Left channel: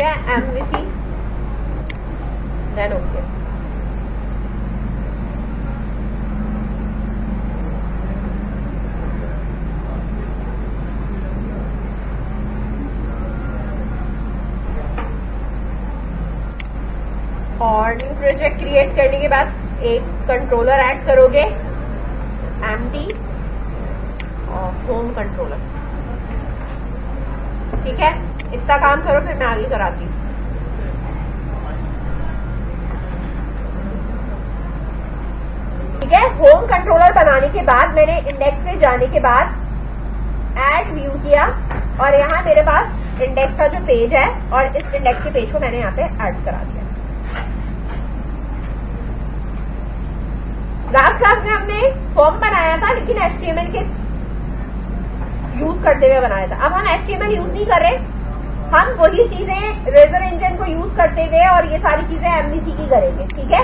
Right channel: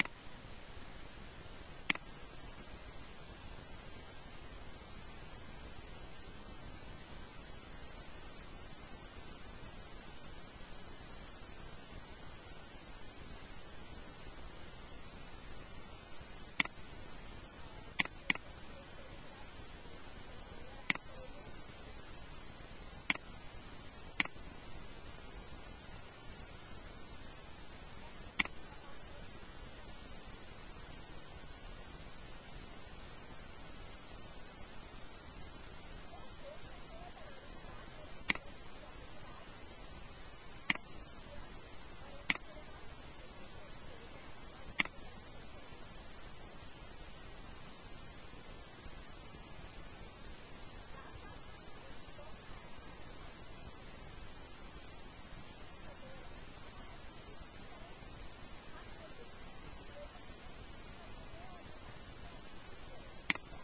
ठीक है, MVC then okay. और न्यू प्रोजेक्ट क्रिएट करने के बाद एक कंट्रोलर ऐड करोगे, एमडी और होम कंट्रोलर। ठीक है, इतना काम करो, फिर मैं आगे कराती हूँ। ठीक है, होम कंट्रोलर बनाने के बाद मैंने इंडेक्स पे जाने के बाद ऐड व्यू किया और यहाँ मेरे पास इंडेक्स का जो पेज है और इस इंडेक्स के पेज को मैंने यहाँ पे ऐड करा दिया। लास्ट क्लास में हमने फॉर्म बनाया था, लेकिन HTML के यूज करते हुए बनाया था। अब हम HTML यूज नहीं कर रहे, हम वही चीजें रेजर इंजन को यूज करते हुए और ये सारी चीजें MVC की करेंगे। ठीक है,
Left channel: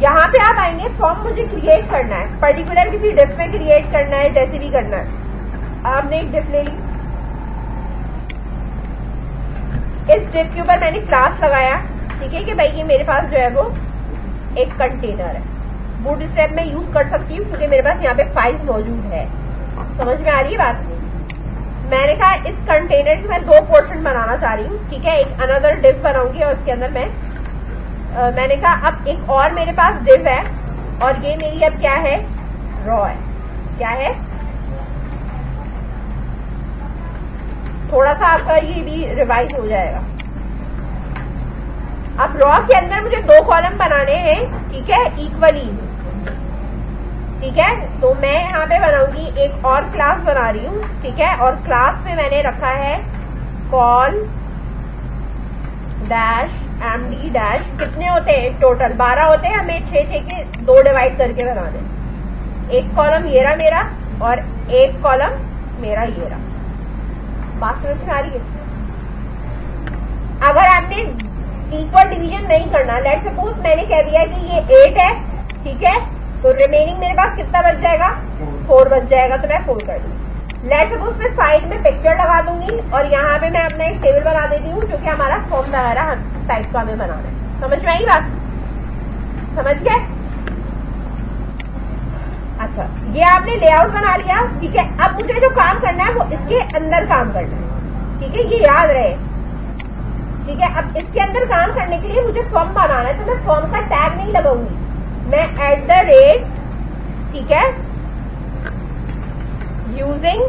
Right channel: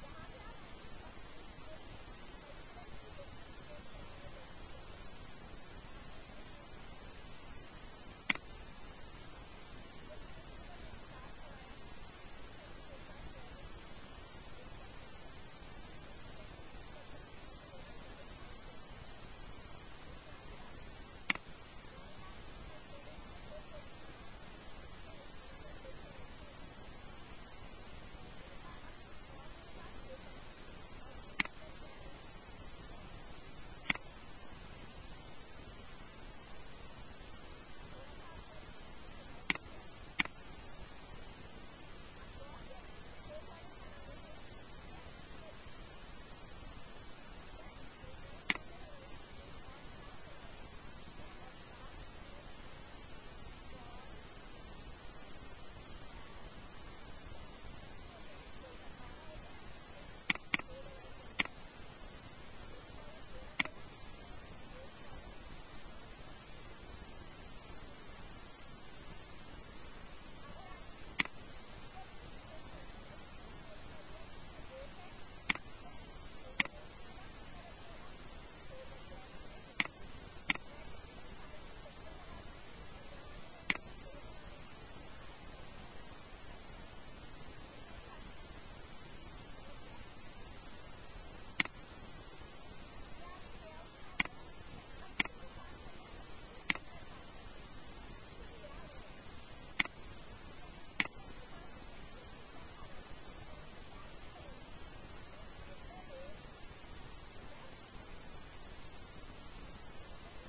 यहाँ पे आप आएंगे, फॉर्म मुझे क्रिएट करना है, पर्टिकुलर किसी डिफ में क्रिएट करना है, जैसे भी करना है। आपने एक डिफ ले ली, इस डिफ के ऊपर मैंने क्लास लगाया। ठीक है कि भाई ये मेरे पास जो है वो एक कंटेनर है, बूटस्ट्रैप में यूज कर सकती हूँ क्योंकि मेरे पास यहाँ पे फाइल मौजूद है। समझ में आ रही है बात? मैंने कहा इस कंटेनर की मैं 2 पोर्शन बनाना चाह रही हूँ। ठीक है, एक अनदर डिव बनाऊंगी और उसके अंदर मैंने कहा अब एक और मेरे पास डिव है और ये मेरी अब क्या है, रॉ है। क्या है, थोड़ा सा आपका ये भी रिवाइज हो जाएगा। अब रॉ के अंदर मुझे 2 कॉलम बनाने हैं। ठीक है, इक्वली। ठीक है, तो मैं यहाँ पे बनाऊंगी, एक और क्लास बना रही हूँ। ठीक है, और क्लास में मैंने रखा है कॉल डैश MD डैश। कितने होते हैं टोटल? 12 होते हैं। हमें 6 के 2 डिवाइड करके बनाने। एक कॉलम ये रहा मेरा और एक कॉलम मेरा ये रहा। बात समझ में आ रही है? अगर आपने इक्वल डिवीजन नहीं करना, लेट सपोज मैंने कह दिया कि ये 8 है। ठीक है, तो रिमेनिंग मेरे पास कितना बच जाएगा, 4 बच जाएगा, तो मैं 4 कर दूंगी। लेट सपोज मैं साइड में पिक्चर लगा दूंगी और यहाँ पे मैं अपना एक टेबल बना देती हूँ, जो कि हमारा फॉर्म वगैरह टाइप का हमें बनाना है। समझ में आई बात? समझ गए? अच्छा, ये आपने लेआउट बना लिया। ठीक है, अब मुझे जो काम करना है वो इसके अंदर काम करना है। ठीक है, ये याद रहे। ठीक है, अब इसके अंदर काम करने के लिए मुझे फॉर्म बनाना है, तो मैं फॉर्म का टैग नहीं लगाऊंगी, मैं @ ठीक है, यूजिंग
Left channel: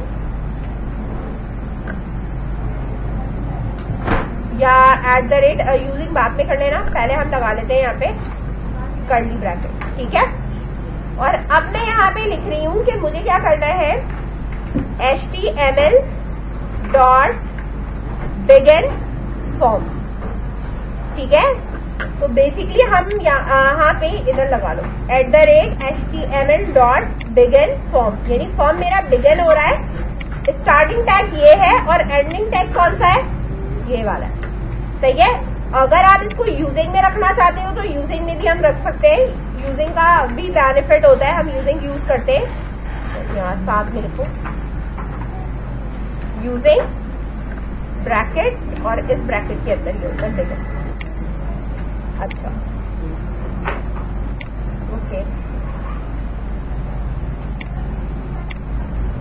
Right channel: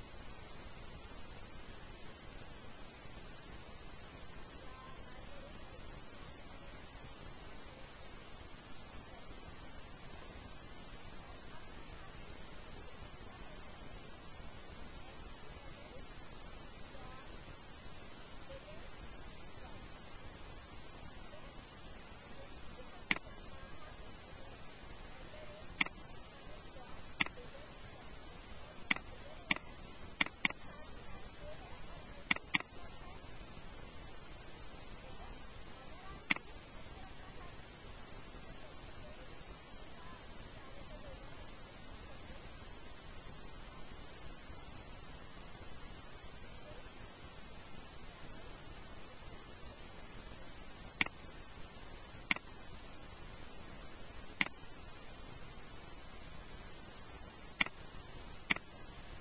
या @ यूजिंग बाद में कर लेना, पहले हम लगा लेते हैं यहाँ पे कर्ली ब्रैकेट। ठीक है, और अब मैं यहाँ पे लिख रही हूँ कि मुझे क्या करना है, HTML डॉट बिगिन फॉर्म। ठीक है, तो बेसिकली हम यहाँ पे इधर लगा लो @HTML डॉट बिगिन फॉर्म, यानी फॉर्म मेरा बिगिन हो रहा है। स्टार्टिंग टैग ये है और एंडिंग टैग कौन सा है, ये वाला है। सही है, अगर आप इसको यूजिंग में रखना चाहते हो तो यूजिंग में भी हम रख सकते हैं। यूजिंग का भी बेनिफिट होता है, हम यूजिंग यूज करते हैं। तो यहाँ साथ में लिखो यूजिंग ब्रैकेट और इस ब्रैकेट के अंदर ये होता है। अच्छा, ओके,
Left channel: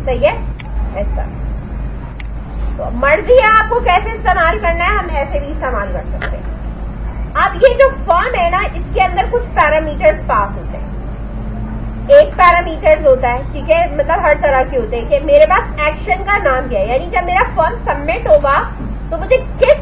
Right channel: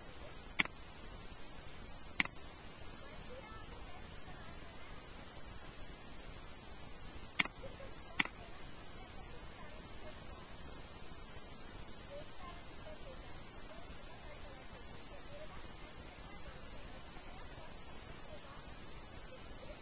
सही है। ऐसा तो मर्जी है आपको कैसे इस्तेमाल करना है, हम ऐसे भी इस्तेमाल कर सकते हैं। अब ये जो फॉर्म है ना, इसके अंदर कुछ पैरामीटर्स पास होते हैं। एक पैरामीटर्स होता है, ठीक है, मतलब हर तरह के होते हैं कि मेरे पास एक्शन का नाम क्या है, यानी जब मेरा फॉर्म सबमिट होगा तो मुझे किस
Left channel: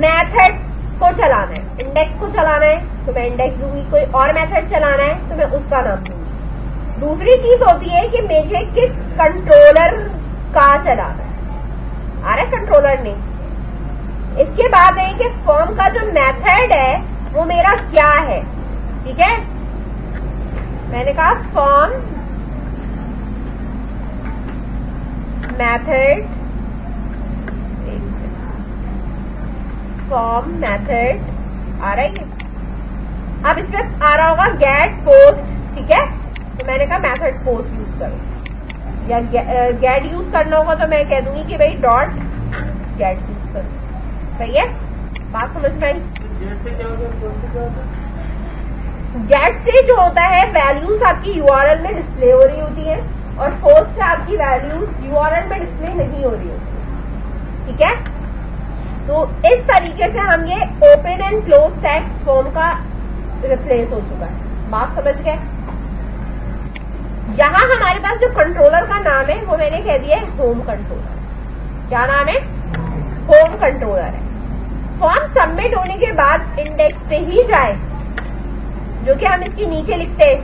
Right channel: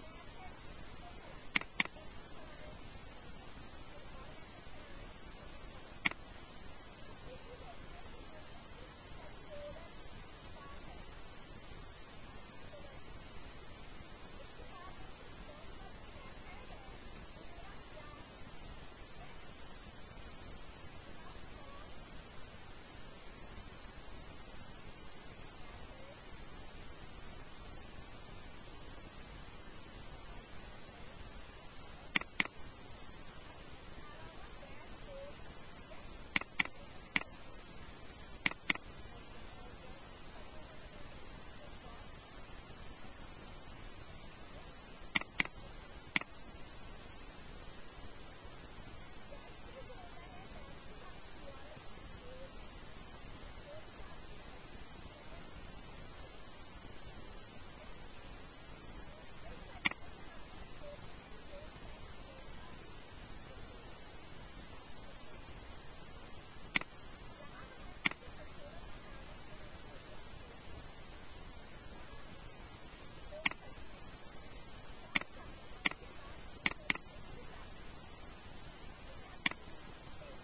मेथड को चलाना है। इंडेक्स को चलाना है तो मैं इंडेक्स दूंगी, कोई और मेथड चलाना है तो मैं उसका नाम दूंगी। दूसरी चीज होती है कि मुझे किस कंट्रोलर का चलाना है, आ रहा है कंट्रोलर ने। इसके बाद है कि फॉर्म का जो मेथड है वो मेरा क्या है। ठीक है, मैंने कहा फॉर्म मेथड, फॉर्म मेथड आ रहा है। अब इसमें आ रहा होगा गेट पोस्ट। ठीक है, तो मैंने कहा मेथड पोस्ट यूज करो, या गेट यूज करना होगा तो मैं कह दूंगी कि भाई डॉट गेट यूज करो। सही है, बात समझ में आई? गेट से जो होता है वैल्यूज आपकी यूआरएल में डिस्प्ले हो रही होती है, और पोस्ट से आपकी वैल्यूज यूआरएल में डिस्प्ले नहीं हो रही होती। ठीक है, तो इस तरीके से हम ये open and close text form का रिप्लेस हो चुका है। बात समझ गए? यहां हमारे पास जो कंट्रोलर का नाम है वो मैंने कह दिया है होम कंट्रोलर। क्या नाम है? होम कंट्रोलर है। फॉर्म सबमिट होने के बाद इंडेक्स पे ही जाए, जो कि हम इसके नीचे लिखते हैं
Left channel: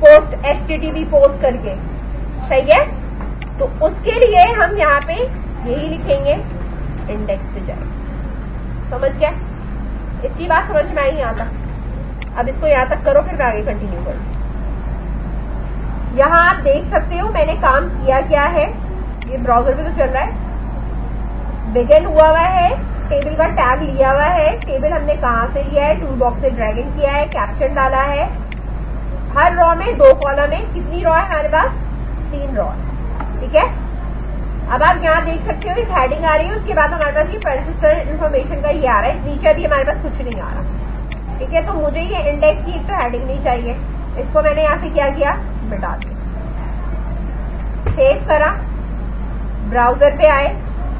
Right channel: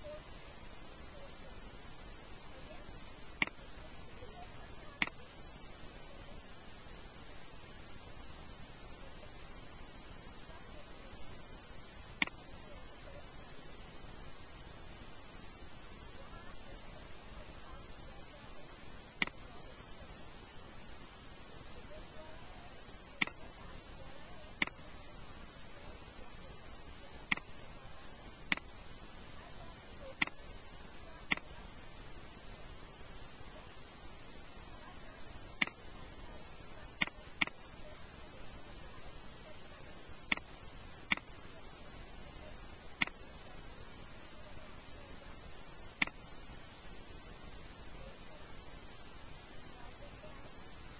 पोस्ट HTTP पोस्ट करके। सही है, तो उसके लिए हम यहाँ पे यही लिखेंगे इंडेक्स पे जाए। समझ गया? इतनी बात समझ में आई यहाँ तक? अब इसको यहाँ तक करो, फिर मैं आगे कंटिन्यू करूँ। यहाँ आप देख सकते हो मैंने काम किया क्या है। ये ब्राउजर पे तो चल रहा है, बिगिन हुआ हुआ है, टेबल का टैग लिया हुआ है। टेबल हमने कहाँ से लिया है? टूल बॉक्स से ड्रैग इन किया है, कैप्शन डाला है। हर रॉ में 2 कॉलम है। कितनी रॉ है हमारे पास? 3 रॉ। ठीक है, अब आप यहाँ देख सकते हो एक हेडिंग आ रही है, उसके बाद हमारे पास ये परसिस्टेंट इन्फॉर्मेशन का ये आ रहा है। नीचे अभी हमारे पास कुछ नहीं आ रहा। ठीक है, तो मुझे ये इंडेक्स की एक तो हेडिंग नहीं चाहिए, इसको मैंने यहाँ से क्या किया? मिटा दिया। सेव करा, ब्राउजर पे आए,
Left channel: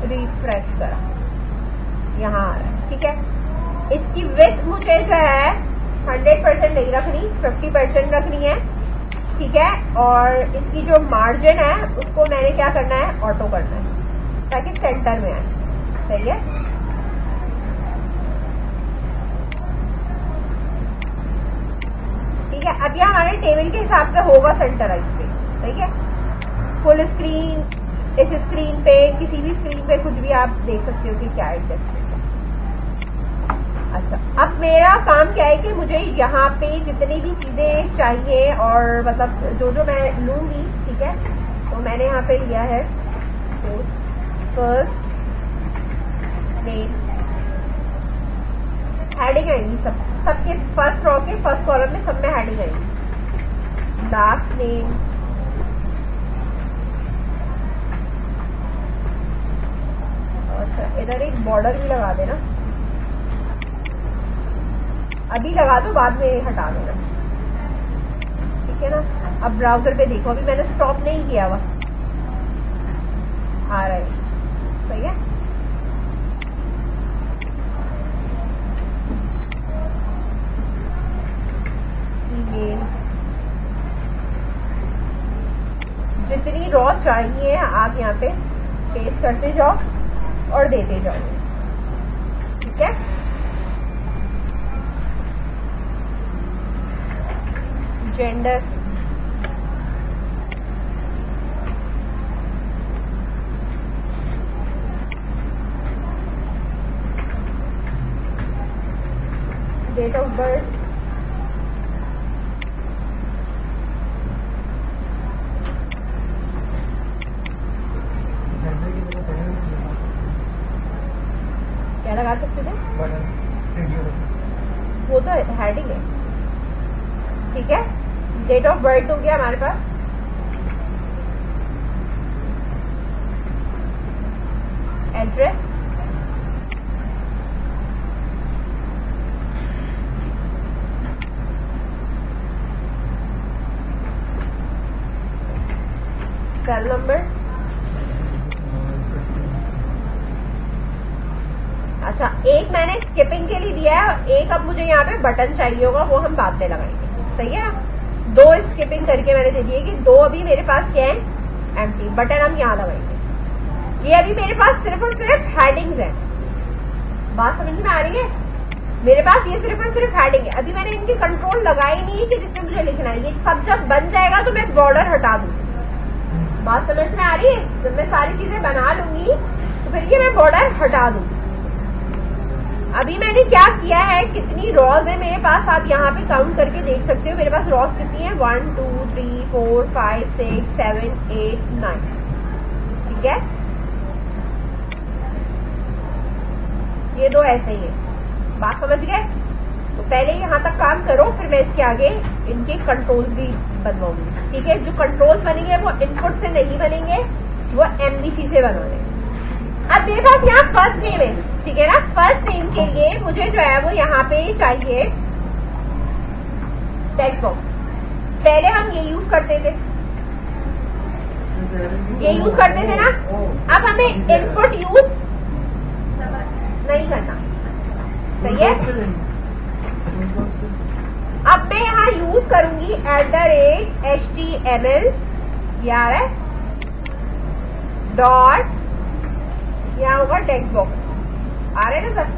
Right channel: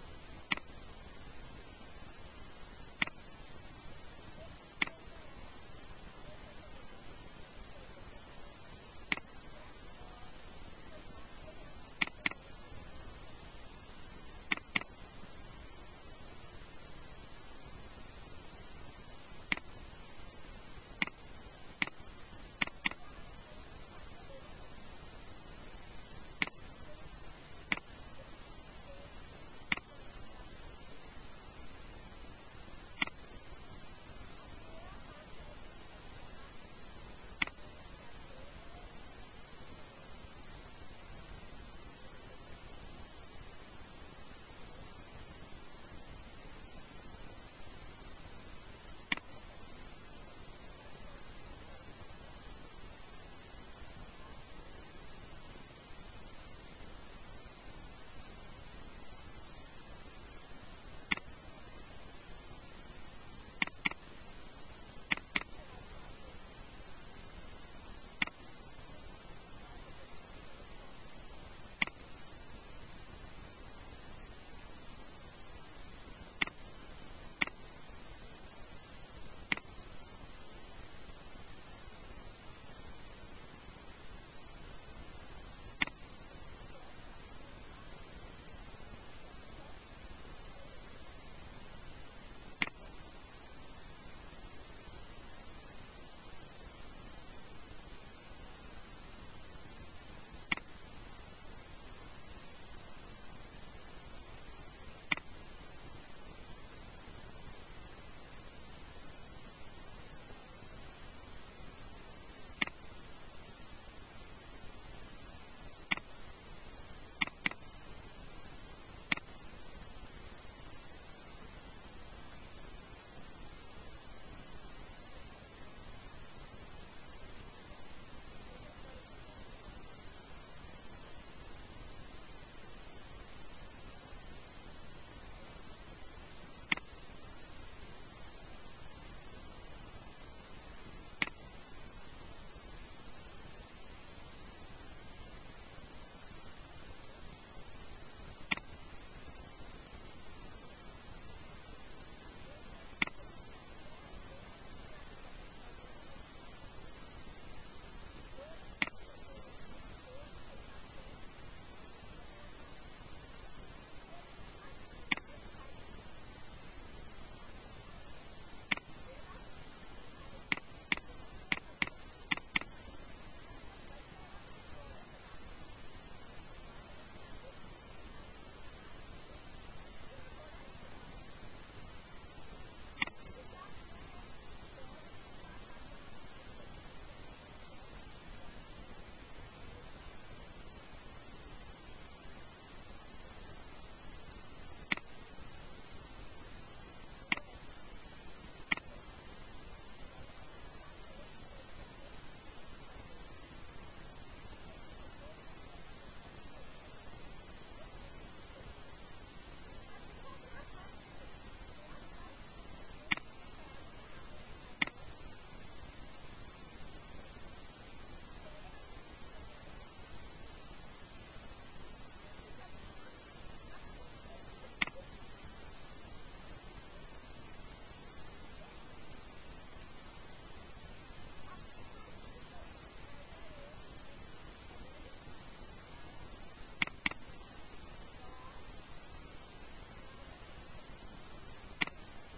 रिफ्रेश करा, यहाँ आ रहा है। ठीक है, इसकी विड्थ मुझे जो है 100% नहीं रखनी, 50% रखनी है। ठीक है, और इसकी जो मार्जिन है उसको मैंने क्या करना है? ऑटो करना है, ताकि सेंटर में आए। सही है, ठीक है। अब ये हमारे टेबल के हिसाब से होगा सेंटराइज पे। सही है, फुल स्क्रीन, इस स्क्रीन पे, किसी भी स्क्रीन पे कुछ भी आप देख सकते हो कि क्या एडजस्ट है। अच्छा, अब मेरा काम क्या है कि मुझे यहाँ पे जितनी भी चीजें चाहिए और मतलब जो जो मैं लूंगी, ठीक है, तो मैंने यहाँ पे लिया है फर्स्ट नेम, हेडिंग आएंगी सबके फर्स्ट रॉ के फर्स्ट कॉलम में, सब में हेडिंग आएंगी। लास्ट नेम, अच्छा इधर एक बॉर्डर भी लगा देना, अभी लगा दो, बाद में हटा देना। ठीक है ना। अब ब्राउजर पे देखो, अभी मैंने स्टॉप नहीं किया हुआ, आ रहा है। सही है, ईमेल, जितनी रॉ चाहिए आप यहाँ पे पेस्ट करते जाओ और देते जाओ। ठीक है, जेंडर, डेट ऑफ बर्थ, क्या लगा सकते थे? वो तो हेडिंग है। ठीक है, डेट ऑफ बर्थ हो गया हमारे पास, एड्रेस, सेल नंबर। अच्छा, एक मैंने स्किपिंग के लिए दिया है, एक अब मुझे यहाँ पे बटन चाहिए होगा, वो हम बाद में लगाएंगे। सही है, 2 स्किपिंग करके मैंने दे दिए कि 2 अभी मेरे पास क्या है? एम्प्टी। बटन हम यहाँ लगाएंगे। ये अभी मेरे पास सिर्फ और सिर्फ हेडिंग्स है। बात समझ में आ रही है? मेरे पास ये सिर्फ और सिर्फ हेडिंग है, अभी मैंने इनकी कंट्रोल लगाई नहीं है कि जिससे मुझे लिखना है। ये सब जब बन जाएगा तो मैं बॉर्डर हटा दूंगी। बात समझ में आ रही है? जब मैं सारी चीजें बना लूंगी तो फिर ये मैं बॉर्डर हटा दूंगी। अभी मैंने क्या किया है, कितनी रॉज है मेरे पास, आप यहाँ पे काउंट करके देख सकते हो। मेरे पास रॉज कितनी है? 1 2 3 4 5 6 7 8 9। ठीक है, ये 2 ऐसे ही है। बात समझ गए? तो पहले यहाँ तक काम करो, फिर मैं इसके आगे इनके कंट्रोल भी बनवाऊंगी। ठीक है, जो कंट्रोल्स बनेंगे वो इनपुट से नहीं बनेंगे, वो MVC से बनवाने। अब मेरे पास यहाँ फर्स्ट नेम है, के लिए मुझे जो है वो यहाँ पे चाहिए टेक्स्ट बॉक्स। पहले हम ये यूज करते थे, ना। अब हमें इनपुट यूज नहीं करना, सही है। अब मैं यहाँ यूज करूंगी @HTML, यार है डॉट, यहाँ होगा टेक्स्ट बॉक्स। आ रहे ना सर?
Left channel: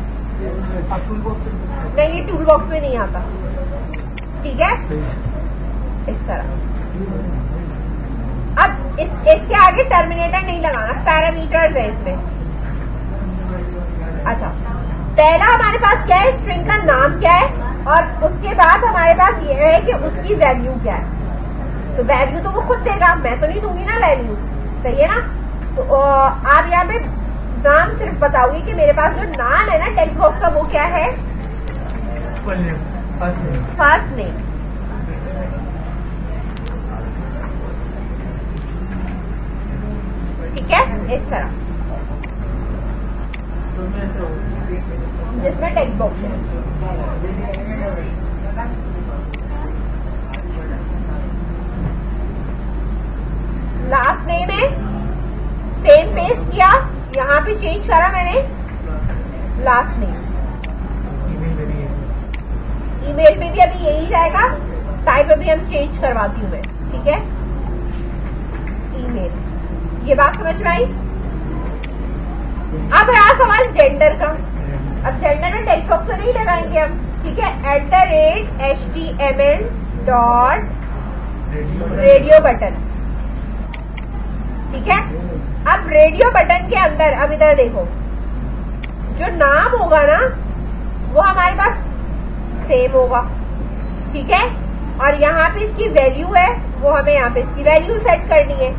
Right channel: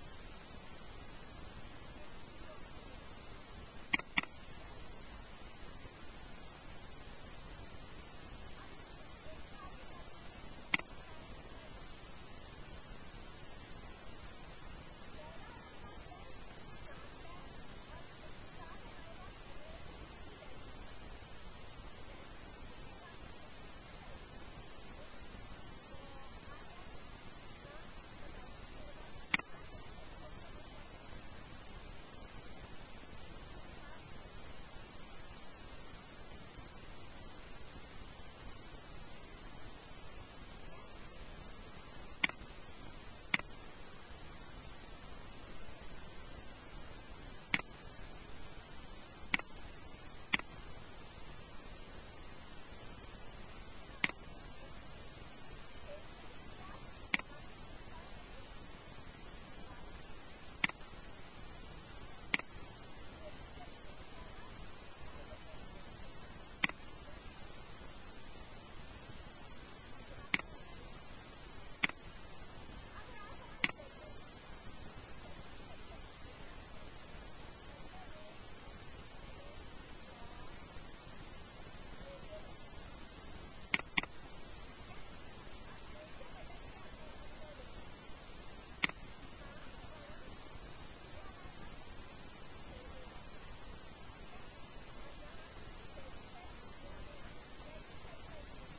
नहीं, ये टूल बॉक्स में नहीं आता, ठीक है। इस तरह अब इसके आगे टर्मिनेटर नहीं लगाना, पैरामीटर्स है इसमें। अच्छा, पहला हमारे पास क्या है, स्ट्रिंग का नाम क्या है, और उसके बाद हमारे पास ये है कि उसकी वैल्यू क्या है। तो वैल्यू तो वो खुद देगा, मैं तो नहीं दूंगी ना वैल्यू, सही है ना। तो आप यहाँ पे नाम सिर्फ बताओगे कि मेरे पास जो नाम है ना टेक्स्ट बॉक्स का, वो क्या है, फर्स्ट नेम। ठीक है, इस तरह जिसमें टेक्स्ट बॉक्स है। लास्ट नेम है, सेम पेस्ट किया, यहाँ पे चेंज करा मैंने लास्ट नेम। ईमेल पे भी अभी यही जाएगा, टाइप अभी हम चेंज करवाती हूँ मैं, ठीक है। ईमेल, ये बात समझ में आई। अब रहा सवाल जेंडर का। अब जेंडर में टेक्स्ट बॉक्स तो नहीं लगाएंगे हम, ठीक है। @HTML डॉट रेडियो बटन, ठीक है। अब रेडियो बटन के अंदर, अब इधर देखो, जो नाम होगा ना वो हमारे पास सेम होगा, ठीक है। और यहाँ पे इसकी वैल्यू है, वो हमें यहाँ पे इसकी वैल्यू सेट करनी है।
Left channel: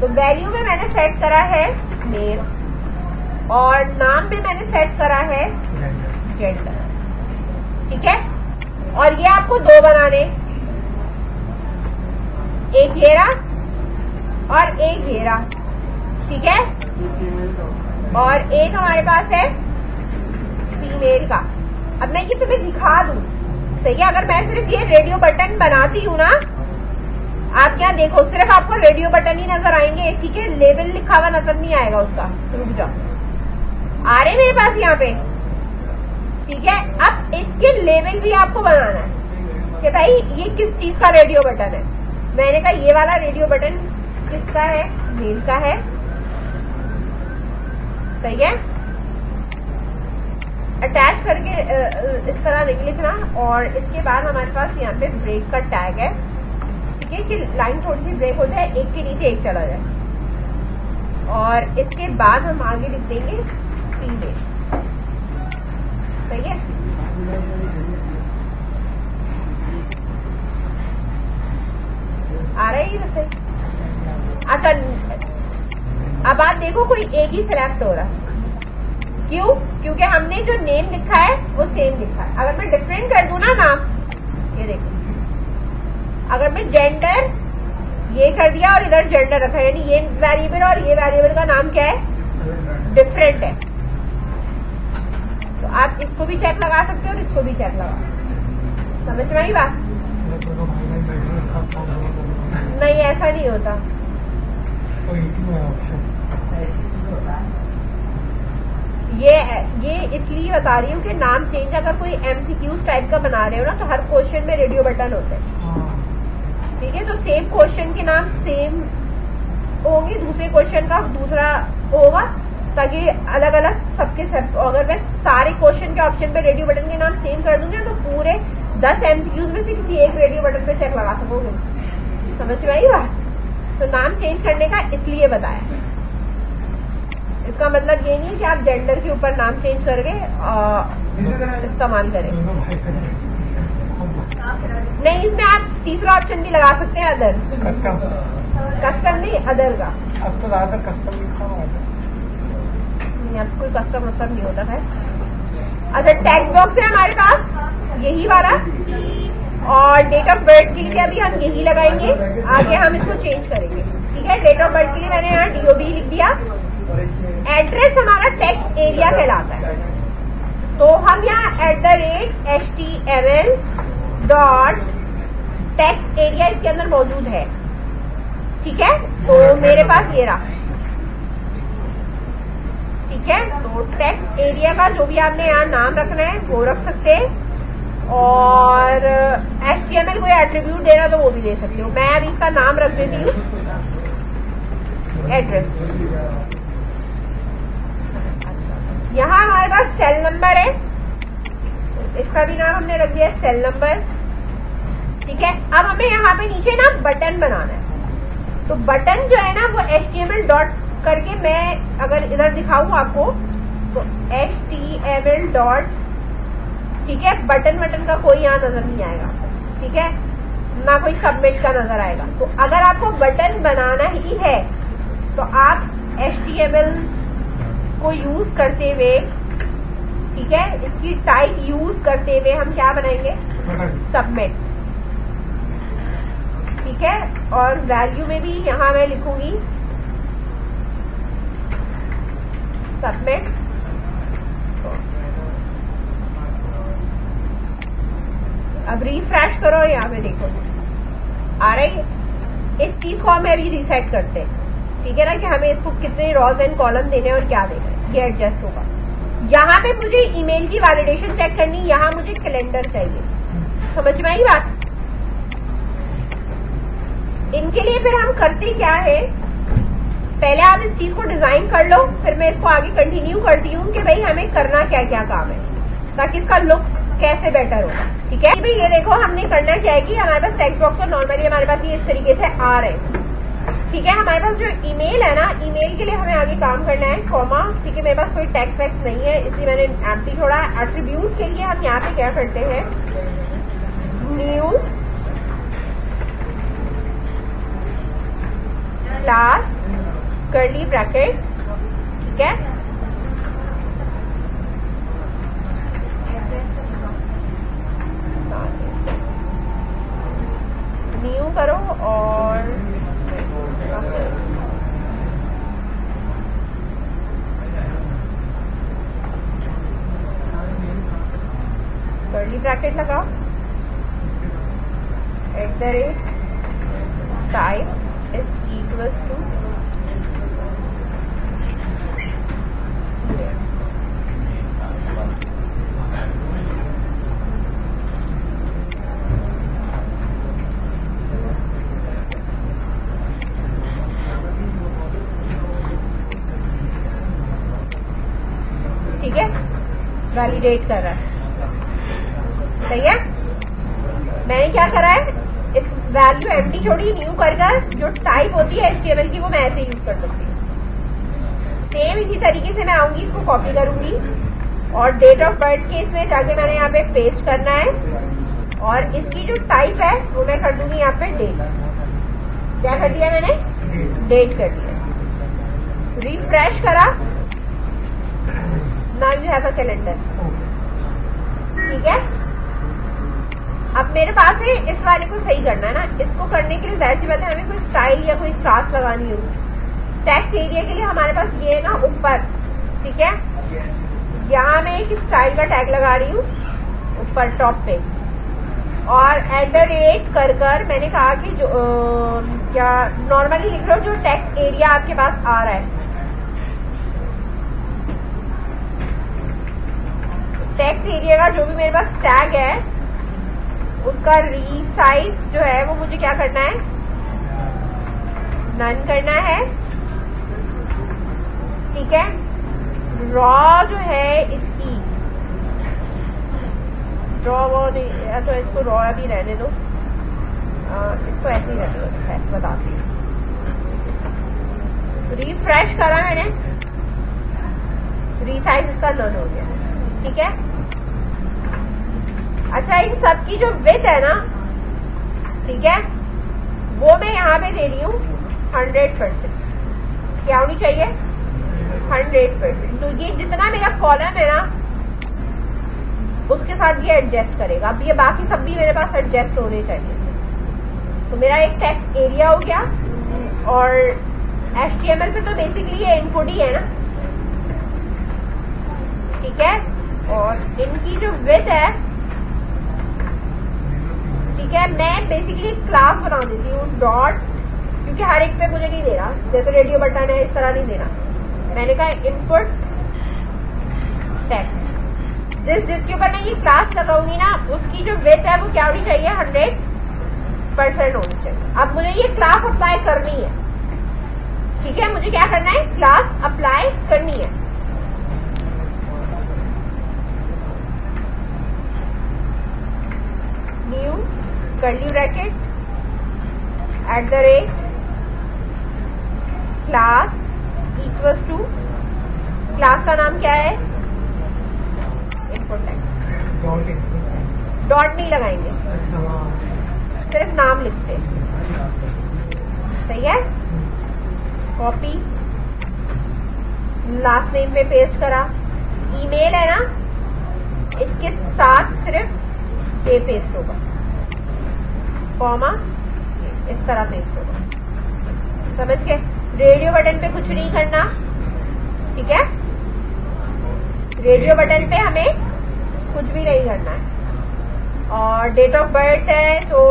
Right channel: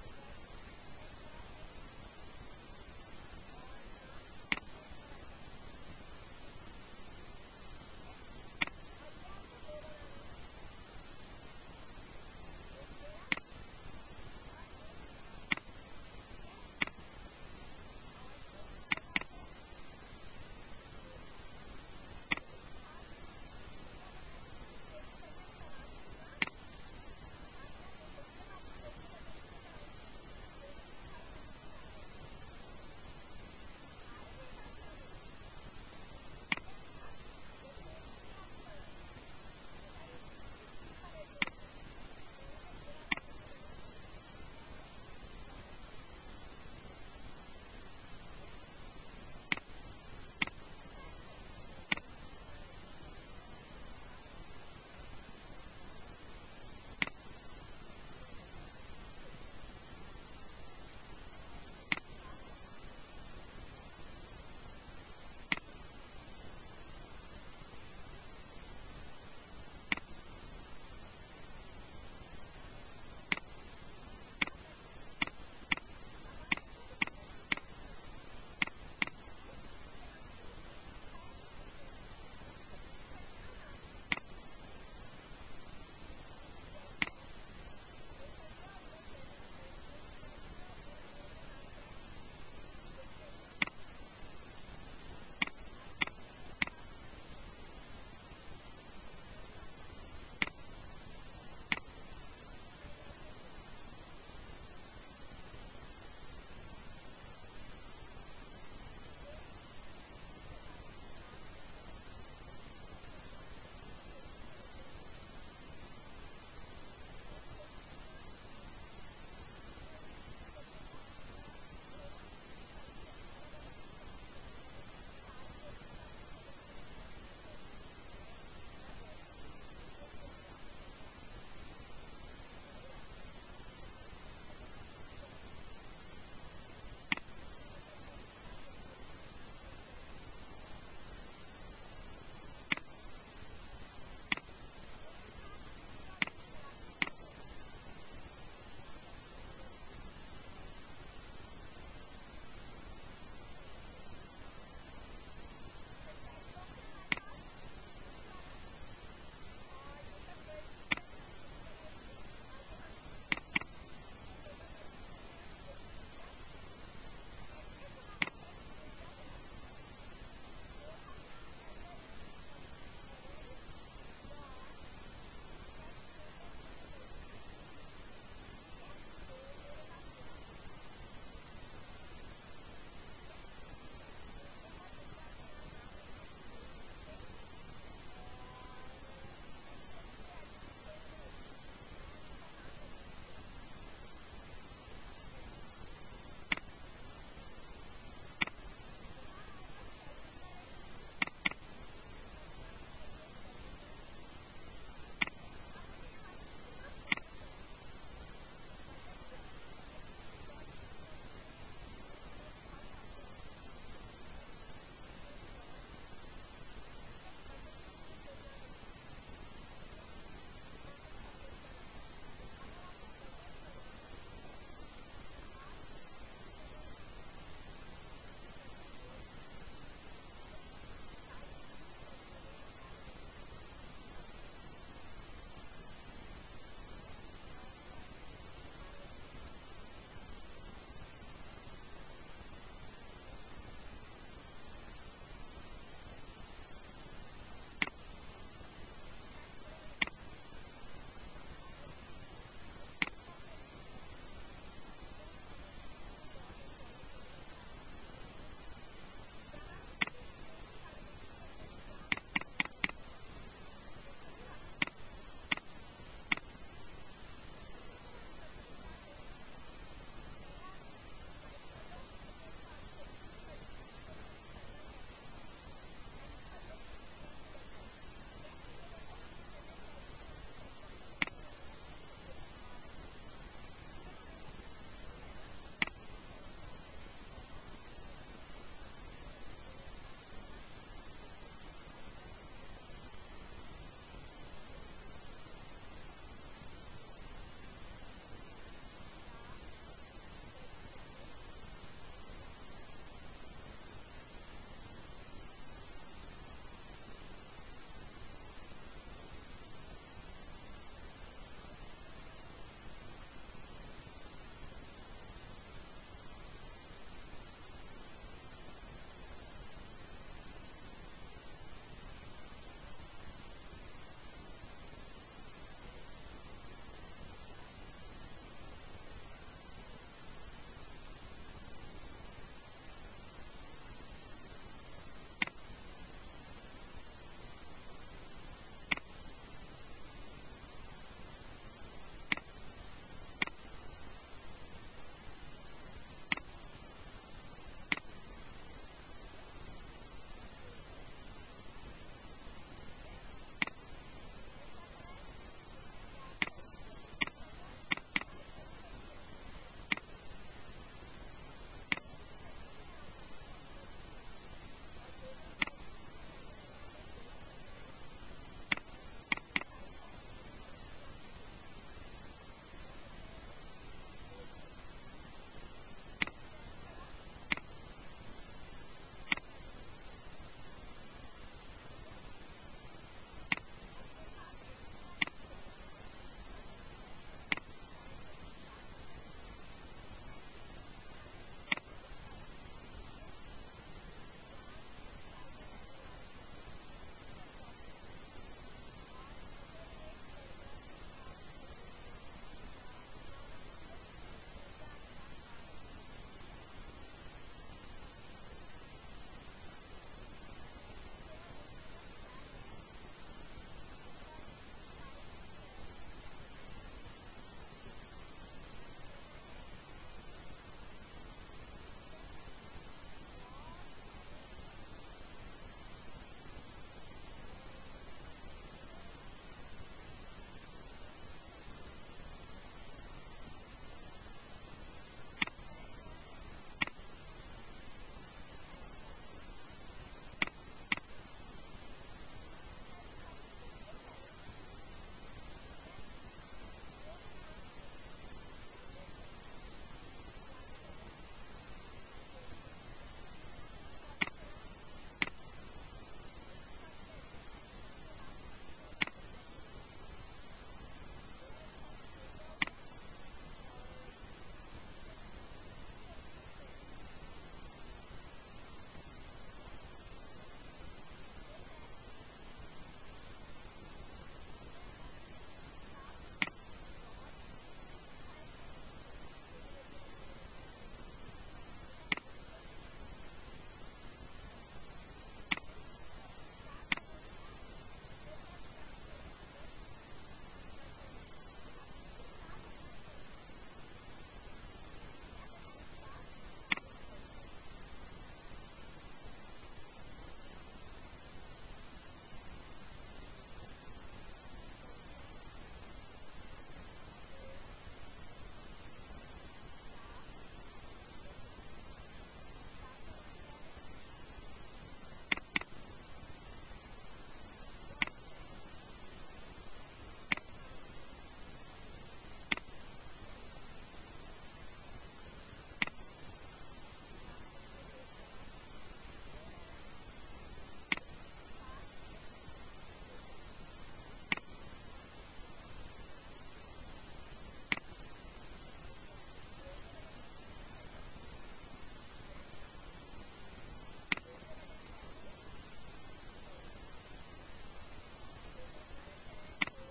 तो वैल्यू में मैंने सेट करा है नेम, और नाम में मैंने सेट करा है जेंडर, ठीक है। और ये आपको दो बनाने, एक घेरा और एक घेरा, ठीक है। और एक हमारे पास है फीमेल का। अब मैं ये तुम्हें दिखा दूं, सही है। अगर मैं सिर्फ ये रेडियो बटन बनाती हूँ ना, आप यहाँ देखो, सिर्फ आपको रेडियो बटन ही नजर आएंगे, ठीक है। लेवल लिखा हुआ नजर नहीं आएगा उसका। रुक जाओ, आ रहे मेरे पास यहाँ पे, ठीक है। अब इसके लेवल भी आपको बनाना है कि भाई ये किस चीज का रेडियो बटन है। मैंने कहा ये वाला रेडियो बटन किसका है, मेल का है, सही है। अटैच करके इस तरह लिखना, और इसके बाद हमारे पास यहाँ पे ब्रेक का टैग है, ठीक है, कि लाइन थोड़ी सी ब्रेक हो जाए, एक के नीचे एक चला जाए। और इसके बाद हम आगे लिख देंगे फीमेल, सही है। आ रहा है ये सही। अच्छा, अब आप देखो कोई एक ही सिलेक्ट हो रहा है, क्यों? क्योंकि हमने जो नेम लिखा है वो सेम लिखा है। अगर मैं डिफरेंट कर दूं ना नाम, ये देखो, अगर मैं जेंडर ये कर दिया और इधर जेंडर रखा, यानी ये वेरिएबल और ये वेरिएबल का नाम क्या है, डिफरेंट है। तो आप इसको भी चेक लगा सकते हो और इसको भी चेक लगा, समझ में आई बात? नहीं, ऐसा नहीं होता। ये इसलिए बता रही हूँ कि नाम चेंज अगर कोई MCQ टाइप का बना रहे हो ना, तो हर क्वेश्चन में रेडियो बटन होता है, ठीक है। तो सेम क्वेश्चन के नाम सेम होंगे, दूसरे क्वेश्चन का दूसरा होगा, ताकि अलग अलग सबके सब। अगर मैं सारे क्वेश्चन के ऑप्शन पे रेडियो बटन के नाम सेम कर दूंगी तो पूरे 10 MCQs में से किसी एक रेडियो बटन पे चेक लगा सकोगे, समझ में आई बात? तो नाम चेंज करने का इसलिए बताया। इसका मतलब ये नहीं कि आप जेंडर के ऊपर नाम चेंज करके इस्तेमाल करें, नहीं। इसमें आप तीसरा ऑप्शन भी लगा सकते हैं, अदर। कस्टम नहीं, अदर का। अब तो ज्यादातर कस्टम लिखा हुआ है, अब कोई कस्टम मतलब नहीं होता है। अच्छा, टेक्स्ट बॉक्स है हमारे पास यही वाला, और डेट ऑफ बर्थ के लिए अभी हम यही लगाएंगे, आगे हम इसको चेंज करेंगे, ठीक है। डेट ऑफ बर्थ के लिए मैंने यहाँ DOB लिख दिया। एड्रेस हमारा टेक्स्ट एरिया कहलाता है, तो हम यहाँ @HTML डॉट टेक्स्ट एरिया इसके अंदर मौजूद है, ठीक है। तो मेरे पास ये रहा, ठीक है। तो टेक्स्ट एरिया का जो भी आपने यहाँ नाम रखना है वो रख सकते हैं, और HTML कोई एट्रीब्यूट देना तो वो भी दे सकते हो। मैं अभी इसका नाम रख देती हूँ एड्रेस। यहाँ हमारे पास सेल नंबर है, इसका भी नाम हमने रख दिया सेल नंबर, ठीक है। अब हमें यहाँ पे नीचे ना बटन बनाना है। तो बटन जो है ना वो HTML डॉट करके, मैं अगर इधर दिखाऊं आपको तो HTML डॉट, ठीक है। बटन का कोई यहाँ नजर नहीं आएगा, ठीक है, ना कोई सबमिट का नजर आएगा। तो अगर आपको बटन बनाना ही है तो आप HTML को यूज करते हुए, ठीक है, इसकी टाइप यूज करते हुए हम क्या बनाएंगे, सबमिट, ठीक है। और वैल्यू में भी यहां मैं लिखूंगी सबमिट। अब रिफ्रेश करो और यहाँ पे देखो आ रही है। इस चीज को हम अभी रीसेट करते हैं, ठीक है ना, कि हमें इसको कितने रॉज एंड कॉलम देने और क्या देना है, ये एडजस्ट होगा। यहाँ पे मुझे ईमेल की वैलिडेशन चेक करनी, यहाँ मुझे कैलेंडर चाहिए, समझ में आई बात। इनके लिए फिर हम करते क्या है, पहले आप इस चीज को डिजाइन कर लो, फिर मैं इसको आगे कंटिन्यू करती हूँ कि भाई हमें करना क्या क्या काम है, ताकि इसका लुक कैसे बेटर होगा, ठीक है। भाई ये देखो हमने करना क्या है कि हमारे पास टेक्स्ट बॉक्स तो नॉर्मली हमारे पास ये इस तरीके से आ रहे हैं, ठीक है। हमारे पास जो ईमेल है ना, ईमेल के लिए हमें आगे काम करना है, कॉमा, ठीक है। मेरे पास कोई टेक्स्ट वैक्स नहीं है इसलिए मैंने एम्प्टी छोड़ा। एट्रीब्यूट के लिए हम यहाँ पे क्या करते हैं, न्यू क्लास कर्ली ब्रैकेट, ठीक है। न्यू करो और कर्ली ब्रैकेट लगाओ, @type is equals to ठीक है, वैलिडेट कर रहा है, सही है। मैंने क्या करा है, इस वैल्यू एम्प्टी छोड़ी, न्यू कर जो टाइप होती है HTML की वो मैं ऐसे यूज कर सकती हूँ। सेम इसी तरीके से मैं आऊंगी, इसको कॉपी करूंगी और डेट ऑफ बर्थ के इसमें जाके मैंने यहाँ पे पेस्ट करना है, और इसकी जो टाइप है वो मैं कर दूंगी यहाँ पे डेट। क्या कर दिया मैंने, डेट कर दिया। रिफ्रेश करा, now you have a calendar, ठीक है। अब मेरे पास है, इस वाले को सही करना है ना, इसको करने के लिए जाहिर सी बात है हमें कोई स्टाइल या कोई क्लास लगानी होगी। टेक्स्ट एरिया के लिए हमारे पास ये ना ऊपर, ठीक है, यहाँ मैं एक स्टाइल का टैग लगा रही हूँ ऊपर टॉप पे, और @ मैंने कहा कि जो क्या नॉर्मली लिख लो जो टेक्स्ट एरिया आपके पास आ रहा है, टेक्स्ट एरिया का जो भी मेरे पास टैग है उसका रीसाइज जो है वो मुझे क्या करना है, नन करना है, ठीक है। रॉ जो है इसकी रॉ वो नहीं, या तो इसको रॉ अभी रहने दो, इसको ऐसे ही रहने दो, बताती हूँ। रिफ्रेश करा मैंने, रीसाइज इसका नन हो गया, ठीक है। अच्छा, इन सब की जो विड्थ है ना, ठीक है, वो मैं यहाँ पे दे रही हूँ 100%। क्या होनी चाहिए, 100%। तो ये जितना मेरा कॉलम है ना उसके साथ ये एडजस्ट करेगा। अब ये बाकी सब भी मेरे पास एडजस्ट होने चाहिए। तो मेरा एक टेक्स्ट एरिया हो गया, और HTML पे तो बेसिकली ये इनपुट ही है ना, ठीक है। और इनकी जो विड्थ है, ठीक है, मैं बेसिकली क्लास बना देती हूँ डॉट, क्योंकि हर एक पे मुझे नहीं देना, जैसे रेडियो बटन है इस तरह नहीं देना। मैंने कहा इनपुट टेक्स्ट, जिसके ऊपर मैं ये क्लास लगाऊंगी ना, उसकी जो विड्थ है वो क्या होनी चाहिए, 100% होनी चाहिए। अब मुझे ये क्लास अप्लाई करनी है, ठीक है, मुझे क्या करना है, क्लास अप्लाई करनी है। New curly bracket @ class equals to, class का नाम क्या है, इनपुट टेक्स्ट। डॉट नहीं लगाएंगे, सिर्फ नाम लिखते हैं, सही है। कॉपी, लास्ट नेम पे पेस्ट करा, ईमेल है ना, इसके साथ सिर्फ ये पेस्ट होगा, कॉमा इस तरह पेस्ट होगा, समझ के। रेडियो बटन पे कुछ नहीं करना, ठीक है, रेडियो बटन पे हमें कुछ भी नहीं करना है। और डेट ऑफ बर्थ है तो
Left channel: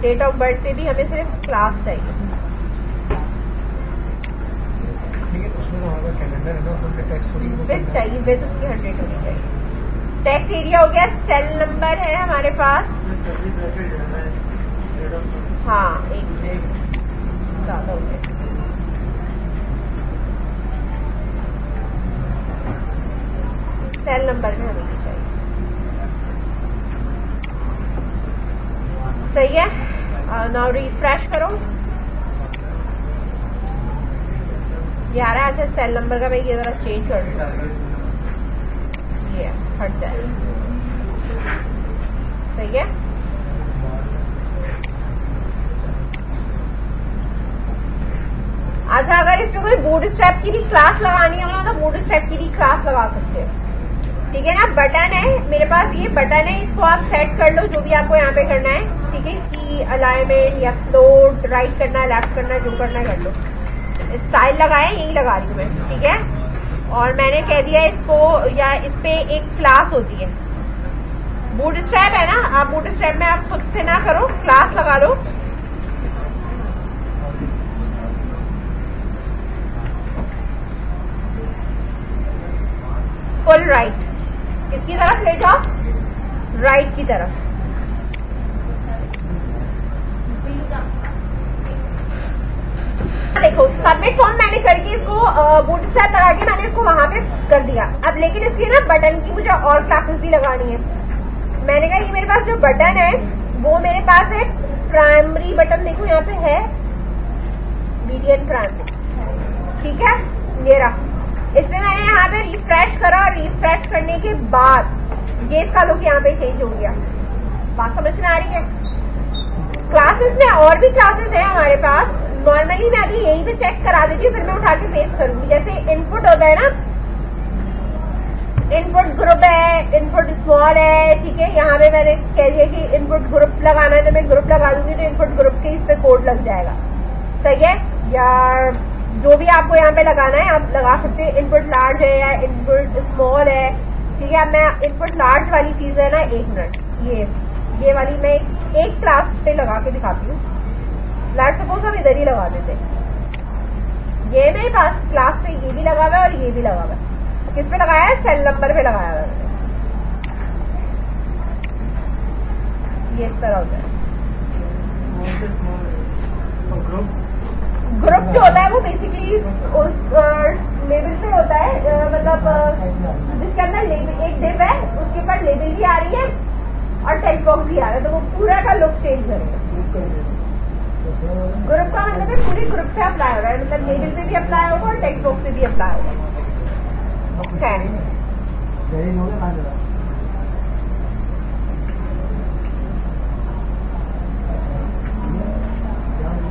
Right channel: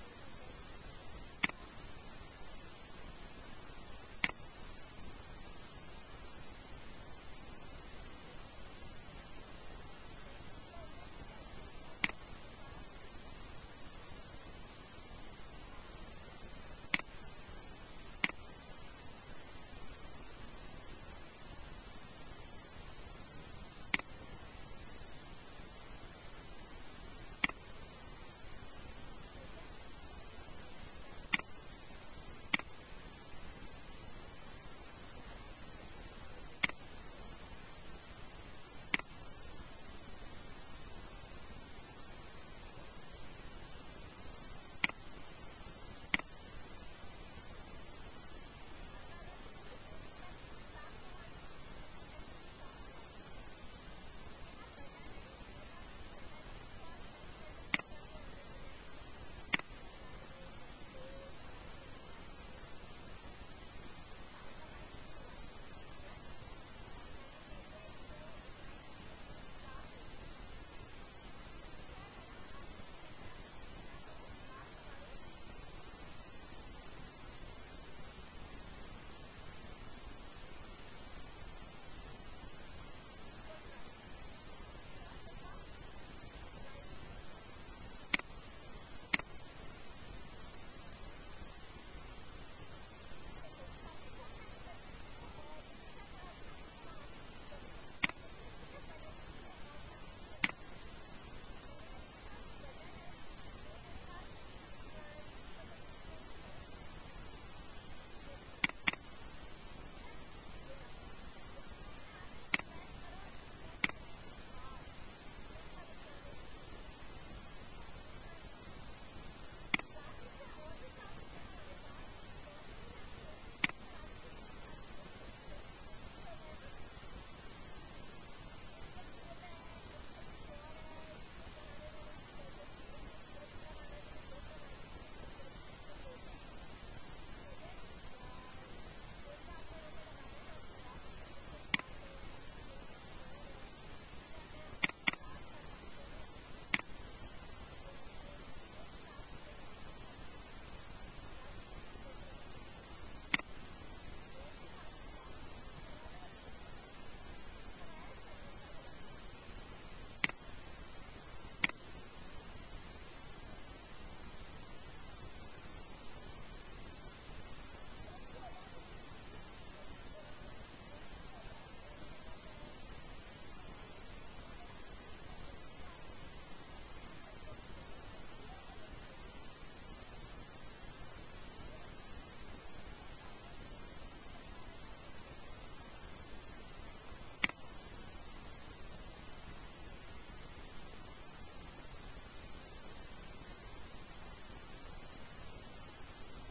डेट ऑफ बर्थ पे भी हमें सिर्फ क्लास चाहिए। विथ चाहिए, विथ उसकी 100 होनी चाहिए। टेक्स्ट एरिया हो गया, सेल नंबर है हमारे पास, हाँ एक ज्यादा हो गया। सेल नंबर में हमें चाहिए, सही है। नाउ रिफ्रेश करो, ये आ रहा है। अच्छा, सेल नंबर का मैं ये जरा चेंज कर दूँ, ये हट जाए, सही है। अच्छा, अगर इसमें कोई बूटस्ट्रैप की भी क्लास लगानी हो ना, तो बूटस्ट्रैप की भी क्लास लगा सकते हैं, ठीक है ना। बटन है मेरे पास, ये बटन है, इसको आप सेट कर लो जो भी आपको यहाँ पे करना है, ठीक है। इसकी अलाइनमेंट या फ्लोट, राइट करना है, लेफ्ट करना है, जो करना है कर लो। स्टाइल लगाए, यही लगा रही हूँ मैं, ठीक है। और मैंने कह दिया इसको, या इस पे एक क्लास होती है, बूटस्ट्रैप है ना, आप बूटस्ट्रैप में आप खुद से ना करो, क्लास लगा लो। फुल राइट, किसकी तरफ ले जाओ, राइट की तरफ। देखो, सबमिट फॉर्म मैंने करके इसको बूटस्ट्रैप लगा के मैंने इसको वहां पे कर दिया। अब लेकिन इसकी ना बटन की मुझे और क्लासेस भी लगानी है। मैंने कहा ये मेरे पास जो बटन है वो मेरे पास है प्राइमरी बटन, देखो यहाँ पे है मीडियन प्राइमरी, ठीक है, ये रहा। इसमें मैंने यहाँ पे रिफ्रेश करा, और रिफ्रेश करने के बाद ये इसका लुक यहाँ पे चेंज हो गया। बात समझ में आ रही है। क्लासेस में और भी क्लासेस है हमारे पास, नॉर्मली मैं अभी यहीं पे चेक करा देती हूँ, फिर मैं उठा के पेस्ट करूंगी। जैसे इनपुट होता है ना, इनपुट ग्रुप है, इनपुट स्मॉल है, ठीक है। यहाँ पे मैंने कह दिया कि इनपुट ग्रुप लगाना है, तो मैं ग्रुप लगा दूंगी, तो इनपुट ग्रुप के इस पे कोड लग जाएगा, सही है। या जो भी आपको यहाँ पे लगाना है आप लगा सकते हैं। इनपुट लार्ज है या इनपुट स्मॉल है, ठीक है। अब मैं इनपुट लार्ज वाली चीज है ना, 1 मिनट, ये वाली मैं एक क्लास पे लगा के दिखाती हूँ। लेट्स सपोज हम इधर ही लगा देते हैं। ये मेरे पास क्लास पे ये भी लगा हुआ है और ये भी लगा हुआ है। किस पे लगाया है, सेल नंबर पे लगाया हुआ है। ये इस तरह होता है। ग्रुप जो होता है वो बेसिकली उस लेबल पे होता है, मतलब जिसके अंदर लेबल एक डिव है, उसके ऊपर लेबल भी आ रही है और टेक्स्ट बॉक्स भी आ रहा है, तो वो पूरा का लुक चेंज करेगा। ग्रुप का मतलब है पूरी ग्रुप पे अप्लाई हो रहा है, मतलब लेबल पे भी अप्लाई होगा और टेक्स्ट बॉक्स पे भी अप्लाई होगा।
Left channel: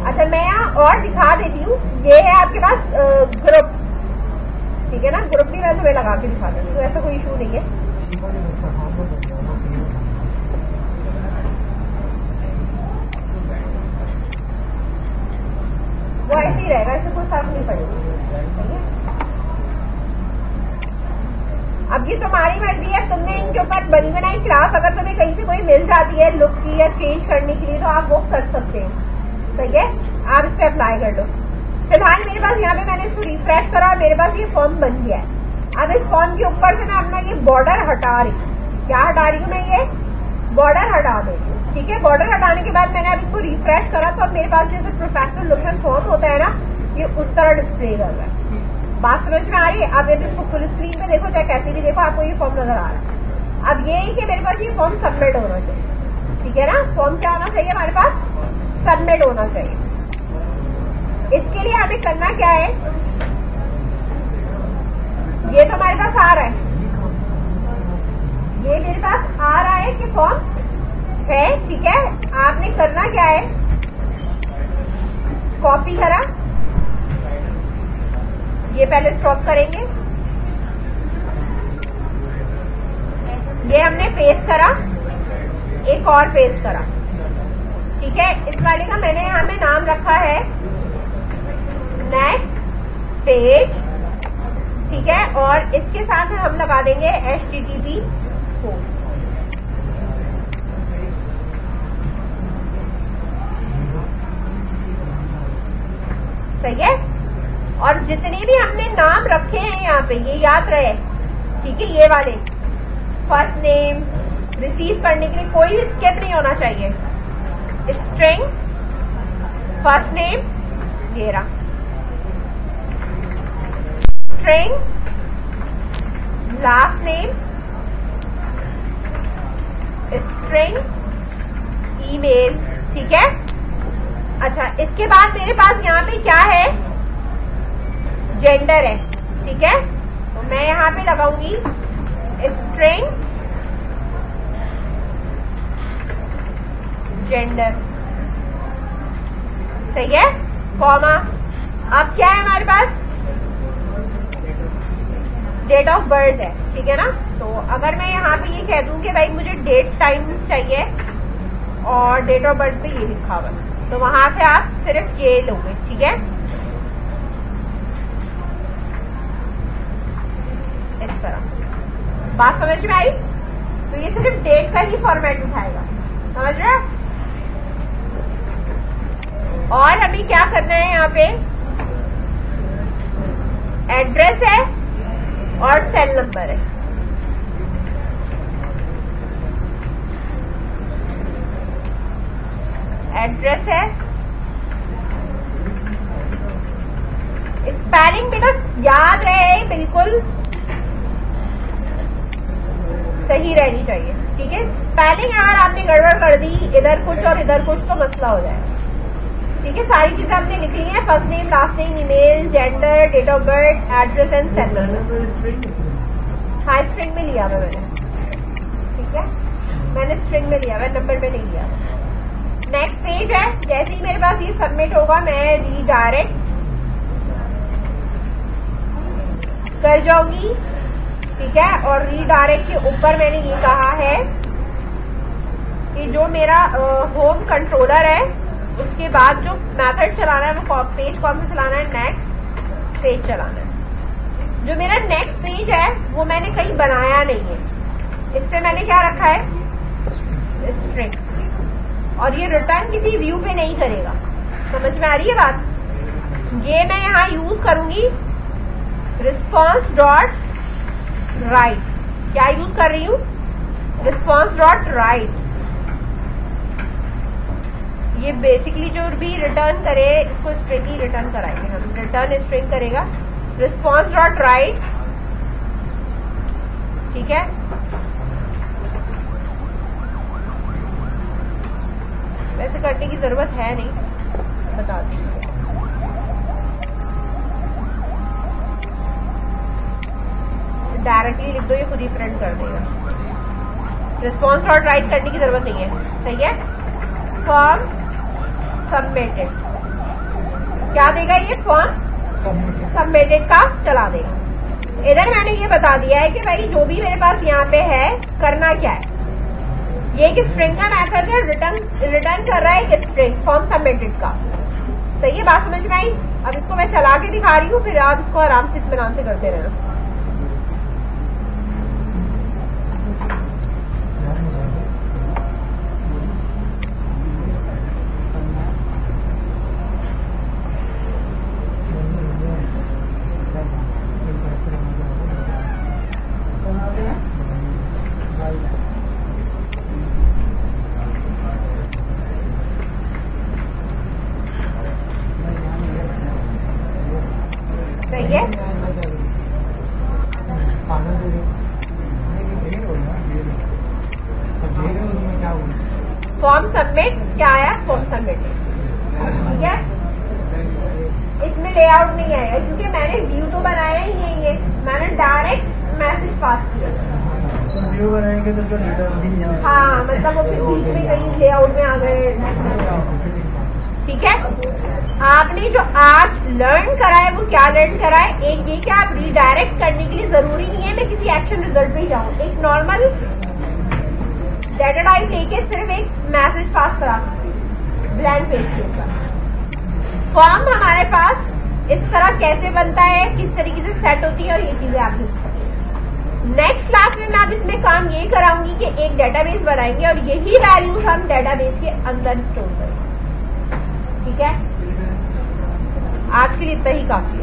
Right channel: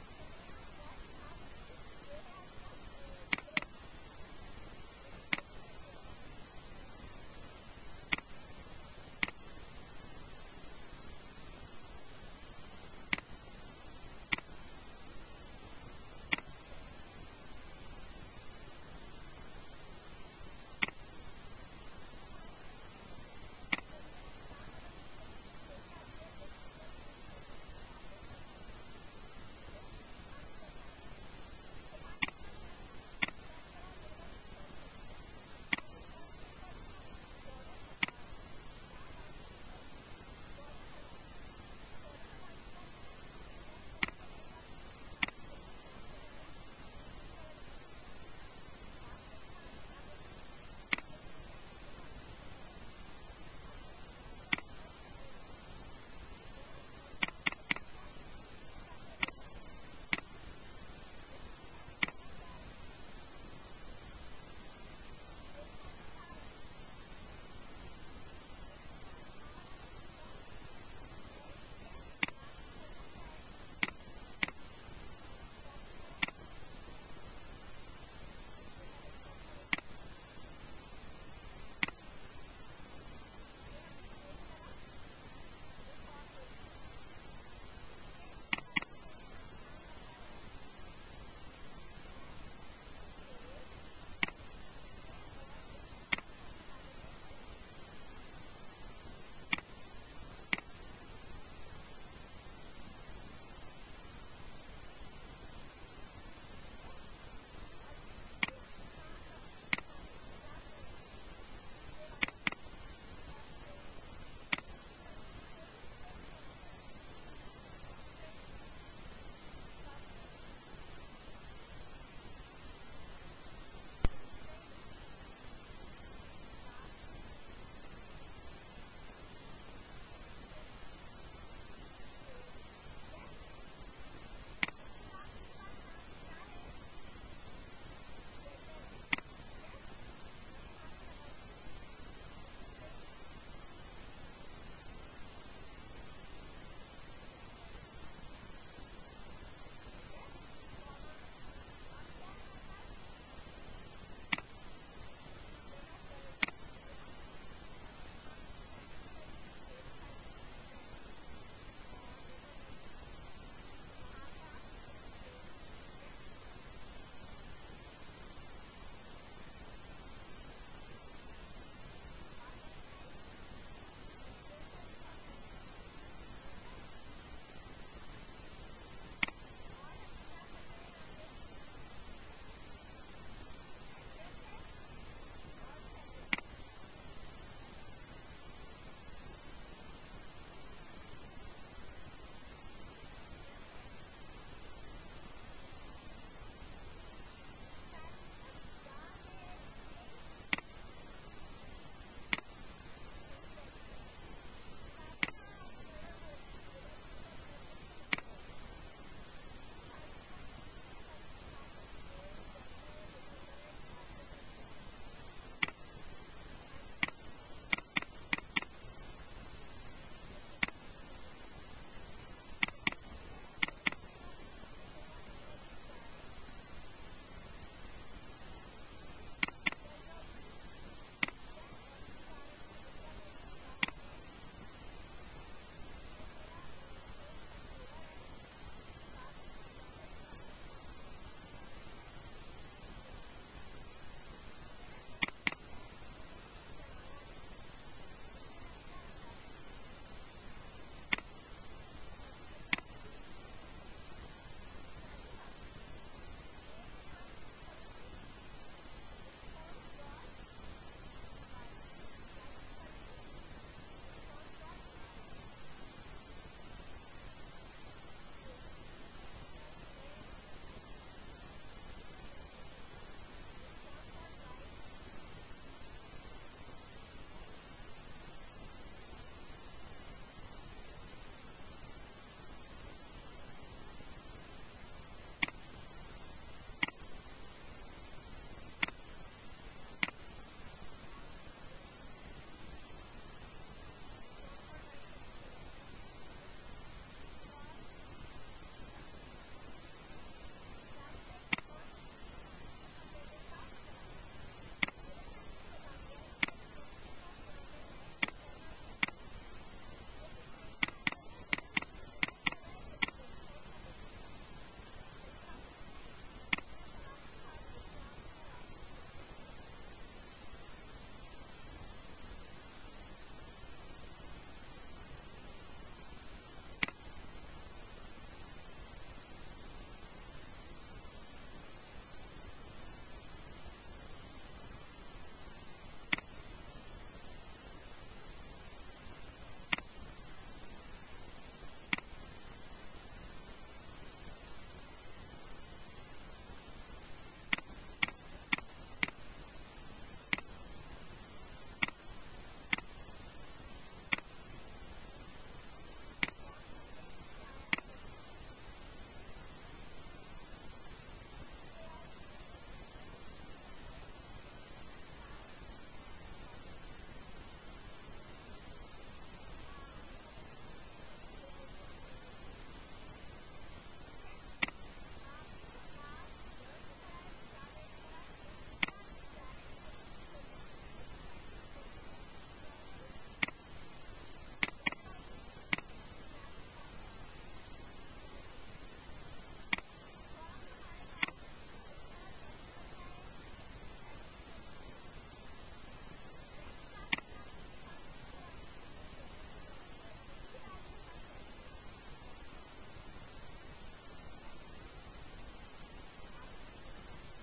अच्छा, मैं यहाँ और दिखा देती हूँ। ये है आपके पास ग्रुप, ठीक है ना। ग्रुप भी मैं तुम्हें लगा के दिखा देती हूँ, ऐसा कोई इशू नहीं है। वो ऐसे ही रहेगा, इससे कोई फर्क नहीं पड़ेगा। अब ये तुम्हारी मर्जी है, तुमने इनके ऊपर बनी बनाई क्लास अगर तुम्हें कहीं से कोई मिल जाती है लुक की या चेंज करने के लिए तो आप वो कर सकते हो, सही है, आप इस पे अप्लाई कर दो। फिलहाल मेरे पास यहाँ पे मैंने इसको रिफ्रेश करा और मेरे पास ये फॉर्म बन गया है। अब इस फॉर्म के ऊपर से मैं अपना ये बॉर्डर हटा रही हूँ। क्या हटा रही हूँ मैं? ये बॉर्डर हटा दे रही हूँ, ठीक है। बॉर्डर हटाने के बाद मैंने अब इसको रिफ्रेश करा तो अब मेरे पास जैसे प्रोफेशनल लुक में फॉर्म होता है ना, ये उस तरह डिस्प्ले कर रहा है। बात समझ में आ रही है? आप यदि इसको फुल स्क्रीन में देखो चाहे कैसे भी देखो आपको ये फॉर्म नजर आ रहा है। अब ये है कि मेरे पास ये फॉर्म सबमिट होना चाहिए, ठीक है ना। फॉर्म क्या होना चाहिए? हमारे पास सबमिट होना चाहिए। इसके लिए हमें करना क्या है, ये तो हमारे पास आ रहा है, ये मेरे पास आ रहा है कि फॉर्म है, ठीक है। आपने करना क्या है, कॉपी करा, ये पहले स्टॉप करेंगे, ये हमने पेस्ट करा, एक और पेस्ट करा, ठीक है। इस वाले का मैंने यहाँ पे नाम रखा है नेक्स्ट पेज, ठीक है। और इसके साथ हम लगा देंगे HTTP कोड, सही है। और जितने भी हमने नाम रखे हैं यहाँ पे ये याद रहे, ठीक है। ये वाले फर्स्ट नेम रिसीव करने के लिए कोई भी स्किप नहीं होना चाहिए। स्ट्रिंग फर्स्ट नेम ये रहा, string last name, string email, ठीक है। अच्छा, इसके बाद मेरे पास यहाँ पे क्या है, जेंडर है, ठीक है। तो मैं यहाँ पे लगाऊंगी स्ट्रिंग जेंडर, सही है, कॉमा। अब क्या है हमारे पास, डेट ऑफ बर्थ है, ठीक है ना। तो अगर मैं यहाँ पे ये कह दूं कि भाई मुझे डेट टाइम चाहिए और डेट ऑफ बर्थ पे ये लिखा हुआ, तो वहां से आप सिर्फ ये लोगे, ठीक है। इस तरह बात समझ में आई? तो ये सिर्फ डेट का ही फॉर्मेट उठाएगा, समझ रहे? और हमें क्या करना है, यहाँ पे एड्रेस है और सेल नंबर है, एड्रेस है। स्पेलिंग बेटा याद रहे, बिल्कुल सही रहनी चाहिए, ठीक है। स्पेलिंग अगर आपने गड़बड़ कर दी, इधर कुछ और इधर कुछ, तो मसला हो जाएगा, ठीक है। सारी चीजें हमने लिख ली हैं, first name last name email gender date of birth address and cell number. हाँ, स्ट्रिंग में लिया मैंने, ठीक है, मैंने स्ट्रिंग में लिया, मैं नंबर में नहीं लिया। नेक्स्ट पेज है, जैसे ही मेरे पास ये सबमिट होगा मैं रीडायरेक्ट कर जाऊंगी, ठीक है। और रीडायरेक्ट के ऊपर मैंने ये कहा है कि जो मेरा होम कंट्रोलर है उसके बाद जो मेथड चलाना है वो पेज कौन सा चलाना है, नेक्स्ट पेज चलाना है। जो मेरा नेक्स्ट पेज है वो मैंने कहीं बनाया नहीं है, इससे मैंने क्या रखा है, स्ट्रिंग। और ये रिटर्न किसी व्यू पे नहीं करेगा, समझ में आ रही है बात? ये मैं यहाँ यूज करूंगी रिस्पॉन्स डॉट राइट। क्या यूज कर रही हूँ, रिस्पॉन्स डॉट राइट। ये बेसिकली जो भी रिटर्न करे इसको स्ट्रिंग ही रिटर्न कराएंगे हम, रिटर्न स्ट्रिंग करेगा रिस्पॉन्स डॉट राइट, ठीक है। वैसे करने की जरूरत है नहीं, बता दी। डायरेक्टली लिख दो, ये खुद ही प्रिंट कर देगा। रिस्पॉन्स डॉट राइट करने की जरूरत नहीं है, सही है। फॉर्म सबमिटेड, क्या देगा ये, फॉर्म सबमिटेड का चला देगा। इधर मैंने ये बता दिया है कि भाई जो भी मेरे पास यहाँ पे है करना क्या है। ये एक स्ट्रिंग का मेथड है, रिटर्न कर रहा है एक स्ट्रिंग फॉर्म सबमिटेड का, सही है। बात समझ में आई? अब इसको मैं चला के दिखा रही हूँ, फिर आप इसको आराम से इत्मीनान से करते रहना। सबमिट क्या आया, फॉर्म सबमिट, ठीक है। इसमें लेआउट नहीं आएगा क्योंकि मैंने व्यू तो बनाया ही नहीं है, मैंने डायरेक्ट मैसेज पास किया। व्यू बनाएंगे तो जो हाँ, मतलब वो फिर बीच में कहीं लेआउट में आ गए, ठीक है। आपने जो आज लर्न करा है वो क्या लर्न करा है, एक ये कि आप रीडायरेक्ट करने के लिए जरूरी नहीं है मैं किसी एक्शन रिजल्ट पे ही जाऊं, एक नॉर्मल डाटा टाइप लेके सिर्फ एक मैसेज पास करा ब्लैंक पेज के ऊपर। फॉर्म हमारे पास इस तरह कैसे बनता है, किस तरीके से सेट होती है और ये चीजें आप यूज करेंगे। नेक्स्ट क्लास में मैं अब इसमें काम ये कराऊंगी कि एक डेटाबेस बनाएंगे और यही वैल्यूज हम डेटाबेस के अंदर स्टोर करेंगे, ठीक है। आज के लिए इतना ही काफी है।